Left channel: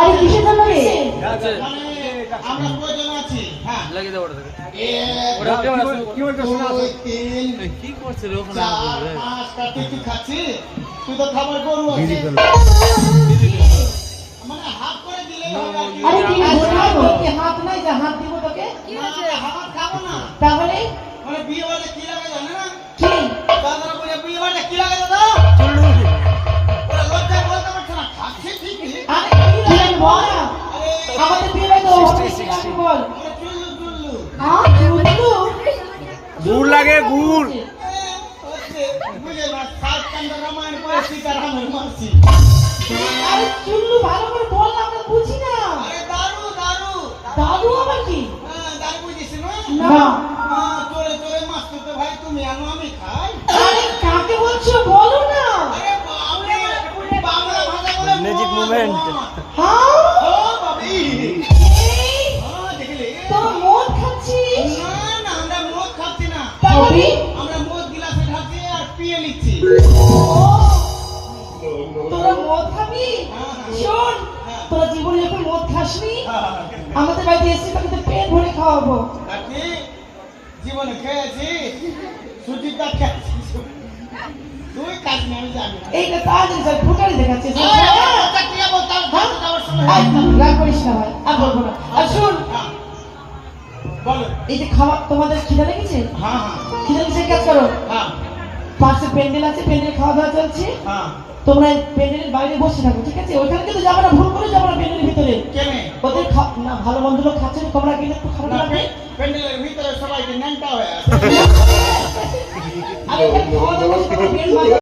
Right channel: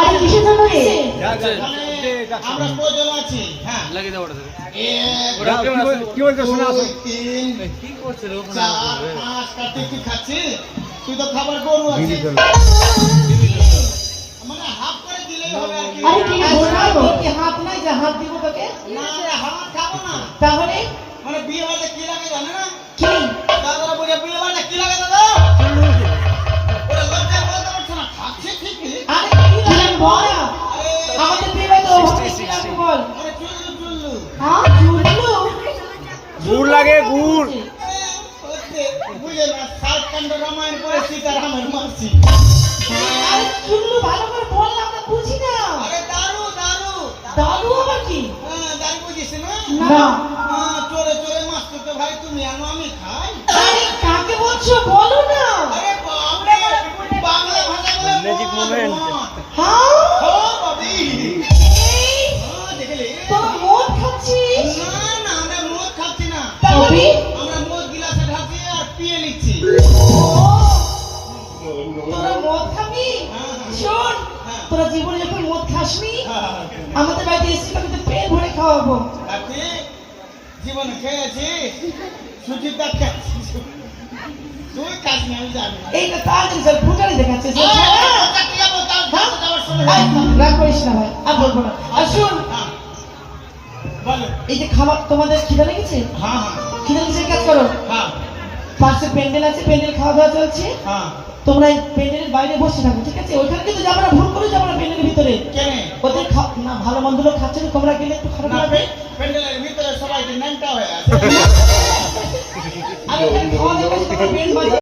আরে কিসের জন্য এসে? আমরা প্রয়োজন আছি। হ্যাঁ লাগিয়ে দাও ওটা থেকে। ওরা কি বলতে শোনা আছে? কি করছে রে ওখানে? তুই খাচ্ছিস? তুই তো খাবার গরু আছে। মানে হাফ করে দিলেই হবে আর কি। আরে কি বলবো কি হাত নাই যে হাত দিব তোকে? না হাফ খাবো না। তাহলে মানে বিয়ে বাড়িতে কি লাগে জানে না? কি? দাদারা বলে বিয়ে বাড়িতে কি লাগে দাদা? ওরা লজ্জায় বলতে পারছে না। খাচ্ছে ঠিকই। আরে কি লাগে বল না? আমাদের বিয়ে তো 60 বল। আরে চুল্লু। হ্যাঁ চুলু। গুড় লাগে গুড়। হচ্ছে বুঝে না সাত কাণ্ড রামায়ণ করে সীতারামের মাসি। আরে চুলু ভালো করে বল না আমরা বুঝি না। আরে দারু। দাদু আবার কি? হ্যাঁ দারু বুঝিস না? না। চলে মাস্টার তো ভাই তুমি আনো আমি খাই। আরে কাকে বলছো বলো না। আরে বাবা বাংলা ভাষা বলে Magic moment. হ্যাঁ ও বাবি এই দেখলে তোর মদ খাচ্ছিস? না আমরা মদ খাচ্ছি না। তবে আমরা মদ গিলাসে ঢাকি আর পিয়ে নিচ্ছি। তোরা মদ খাবি? শোন তোরা জীবনে যখন মদ খাসনি আমাদের বাড়িতে এসে তোকে পেট ভরে খাওয়াবো। কাকি জীবনে খেয়েছি সুচিতা খেয়েছি তুই কাজ নিয়ে আমি জানি এইটা তাড়াতাড়ি স্যার ফুটারি দেখাচ্ছিস কথা কি বলতাম ধাপ যাওয়ার সময় রাগ করিস না ভাই আর বলবো না। আর শোন বলো এই যে খাওয়া তোমাদের খিদে লেগেছে? হ্যাঁ খিদে লেগেছে কাজ করো। হ্যাঁ পাশে প্যান্ডেল আছে প্যান্ডেল খাওয়া দাওয়া চলছে হ্যাঁ তোমরা প্যান্ডেলের বাইরে বসে থাকো ঠিক আছে? ওখানে কিন্তু আমরা ভুল করে যাবো না প্যান্ডেলের ভিতরে। কেন ওদের না ভালো মন্দ লোক খাচ্ছে না তোমরা গেলে একটু খারাপ না লাগবে। প্যান্ডেলের ভিতরে সবাই ন্যাংটা হয়ে আছে আমি এখানে খাওয়া দাওয়া করছি, তোমরা বেল বাজাও।